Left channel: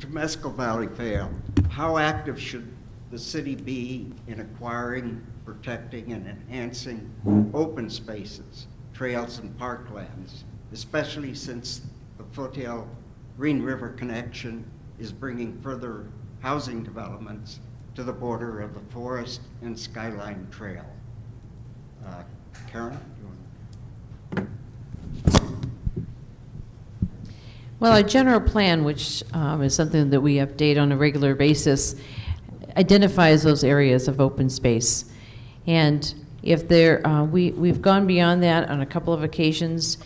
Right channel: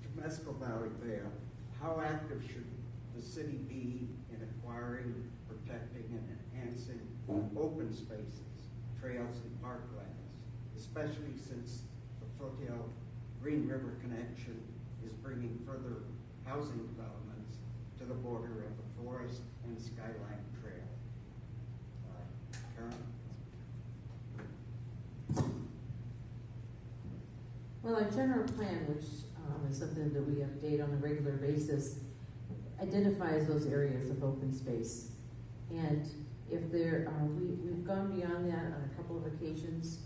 Temescal Valley fail, how active should the city be in acquiring, protecting, and enhancing open spaces, trails, and parklands, especially since the Foothill Green River connection is bringing further housing developments to the border of the Forest and Skyline Trail? Karen? Well, our general plan, which is something that we update on a regular basis, identifies those areas of open space. And if there, we've gone beyond that on a couple of occasions,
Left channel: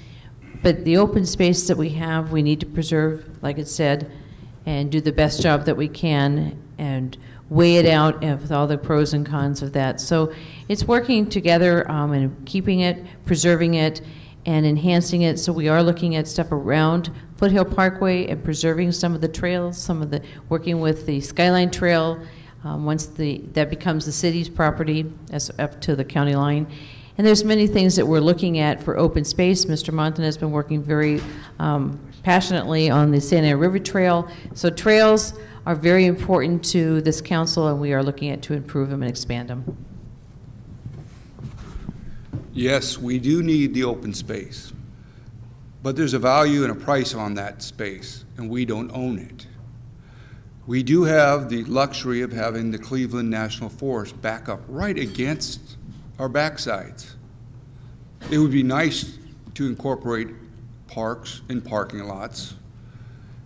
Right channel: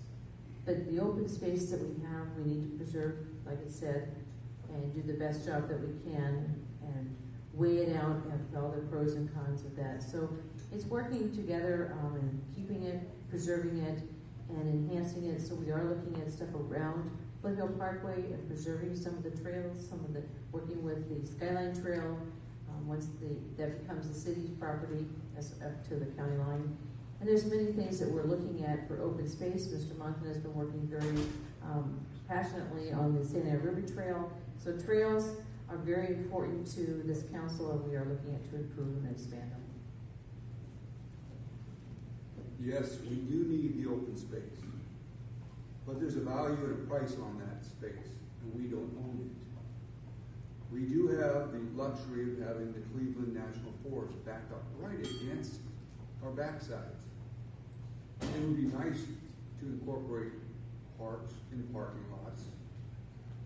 but the open space that we have, we need to preserve, like it said, and do the best job that we can and weigh it out with all the pros and cons of that. So it's working together and keeping it, preserving it, and enhancing it. So we are looking at stuff around Foothill Parkway and preserving some of the trails, working with the Skyline Trail once that becomes the city's property as up to the county line. And there's many things that we're looking at for open space. Mr. Montan has been working very passionately on the Santa Ana River Trail. So trails are very important to this council, and we are looking at to improve them and expand them. Yes, we do need the open space, but there's a value and a price on that space, and we don't own it. We do have the luxury of having the Cleveland National Forest back up right against our backsides. It would be nice to incorporate parks and parking lots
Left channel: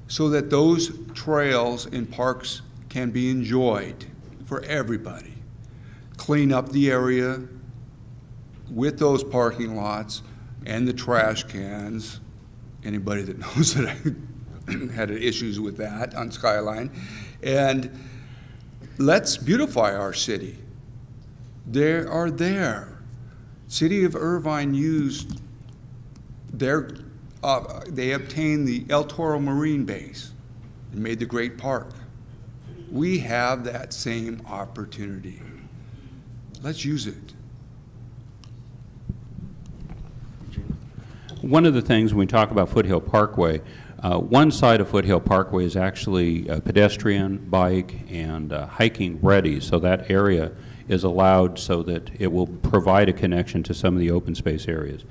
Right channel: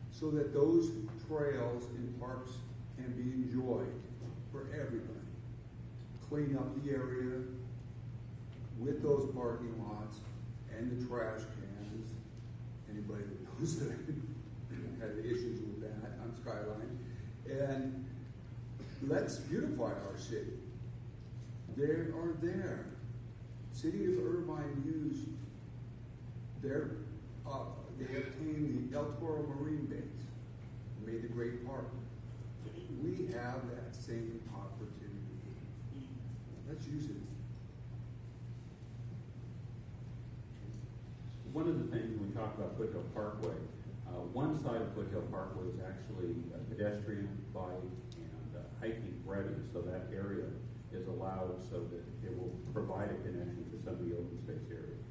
so that those trails and parks can be enjoyed for everybody. Clean up the area with those parking lots and the trash cans. Anybody that knows that I had issues with that on Skyline. And let's beautify our city. They are there. City of Irvine used they obtained the El Toro Marine Base and made the great park. We have that same opportunity. Let's use it. One of the things when we talk about Foothill Parkway, one side of Foothill Parkway is actually pedestrian, bike, and hiking ready, so that area is allowed so that it will provide a connection to some of the open space areas.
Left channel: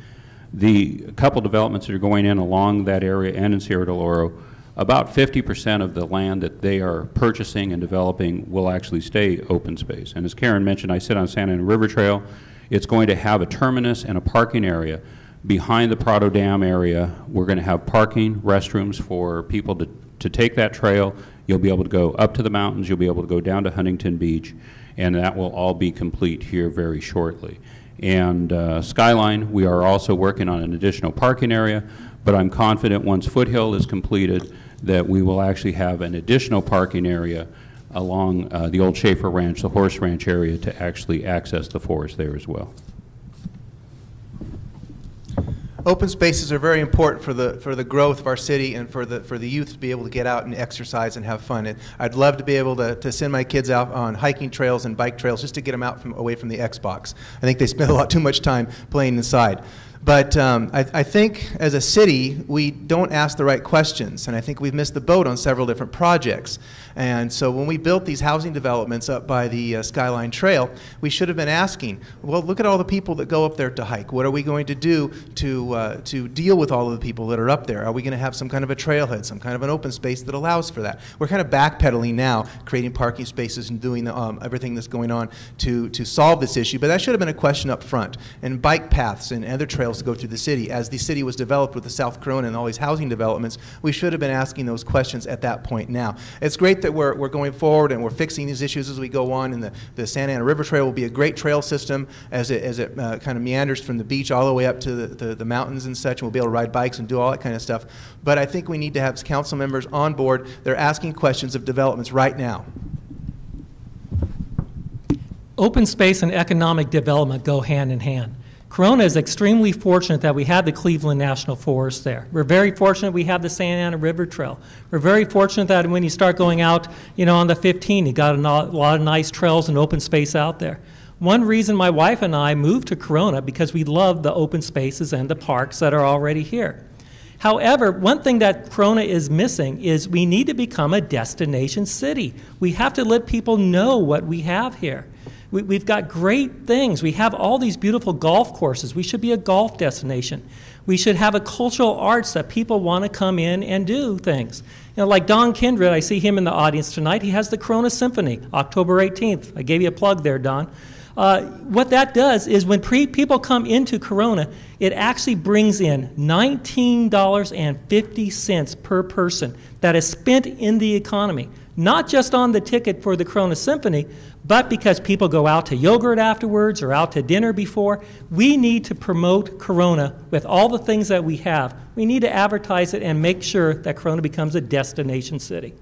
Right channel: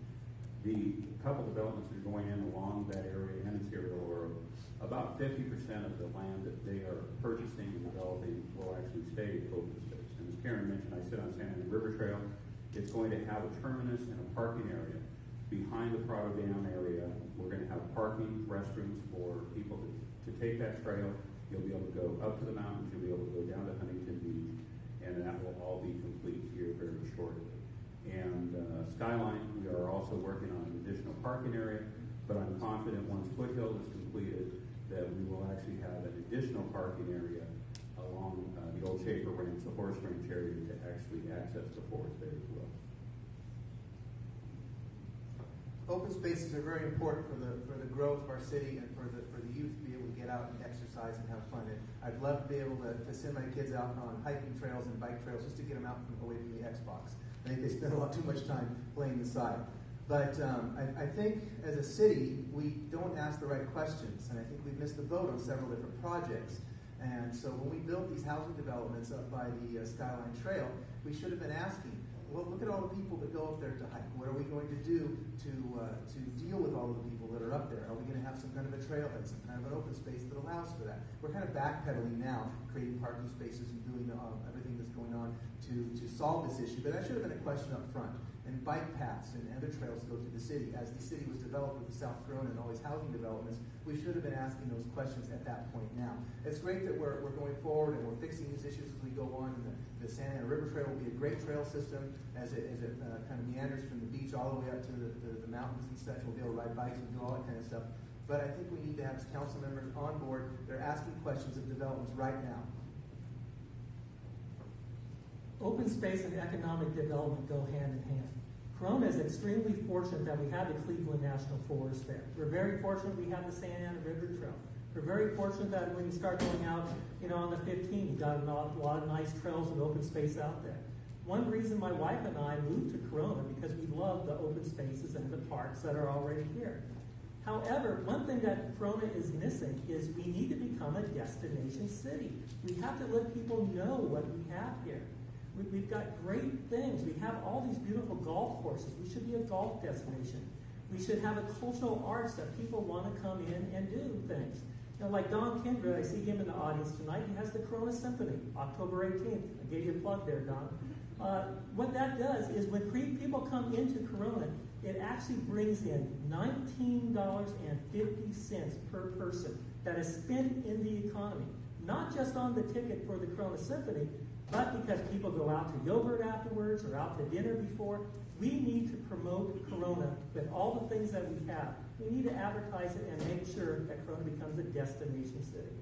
The couple developments that are going in along that area and in Sierra del Oro, about 50% of the land that they are purchasing and developing will actually stay open space. And as Karen mentioned, I sit on Santa Ana River Trail. It's going to have a terminus and a parking area. Behind the Prado Dam area, we're going to have parking, restrooms for people to take that trail. You'll be able to go up to the mountains. You'll be able to go down to Huntington Beach, and that will all be complete here very shortly. And Skyline, we are also working on an additional parking area, but I'm confident once Foothill is completed that we will actually have an additional parking area along the old Schaefer Ranch, the horse ranch area, to actually access the forest there as well. Open spaces are very important for the growth of our city and for the youth to be able to get out and exercise and have fun. I'd love to be able to send my kids out on hiking trails and bike trails just to get them out away from the Xbox. I think they spend a lot too much time playing inside. But I think as a city, we don't ask the right questions, and I think we've missed the boat on several different projects. And so when we built these housing developments up by the Skyline Trail, we should have been asking, well, look at all the people that go up there to hike. What are we going to do to deal with all of the people that are up there? Are we going to have some kind of a trailhead, some kind of an open space that allows for that? We're kind of backpedaling now, creating parking spaces and doing everything that's going on to solve this issue. But that should have been a question up front. And bike paths and other trails to go through the city. As the city was developed with the South Corona and all these housing developments, we should have been asking those questions at that point now. It's great that we're going forward and we're fixing these issues as we go on, and the Santa Ana River Trail will be a great trail system as it kind of meanders from the beach all the way up to the mountains and such, and we'll be able to ride bikes and do all that kind of stuff. But I think we need to have council members on board. They're asking questions of developments right now. Open space and economic development go hand in hand. Corona is extremely fortunate that we have the Cleveland National Forest there. We're very fortunate we have the Santa Ana River Trail. We're very fortunate that when you start going out, on the 15, you got a lot of nice trails and open space out there. One reason my wife and I moved to Corona because we love the open spaces and the parks that are already here. However, one thing that Corona is missing is we need to become a destination city. We have to let people know what we have here. We've got great things. We have all these beautiful golf courses. We should be a golf destination. We should have a cultural arts that people want to come in and do things. You know, like Don Kindred, I see him in the audience tonight. He has the Corona Symphony, October 18th. I gave you a plug there, Don. What that does is when people come into Corona, it actually brings in $19.50 per person that is spent in the economy, not just on the ticket for the Corona Symphony, but because people go out to yogurt afterwards or out to dinner before. We need to promote Corona with all the things that we have. We need to advertise it and make sure that Corona becomes a destination city.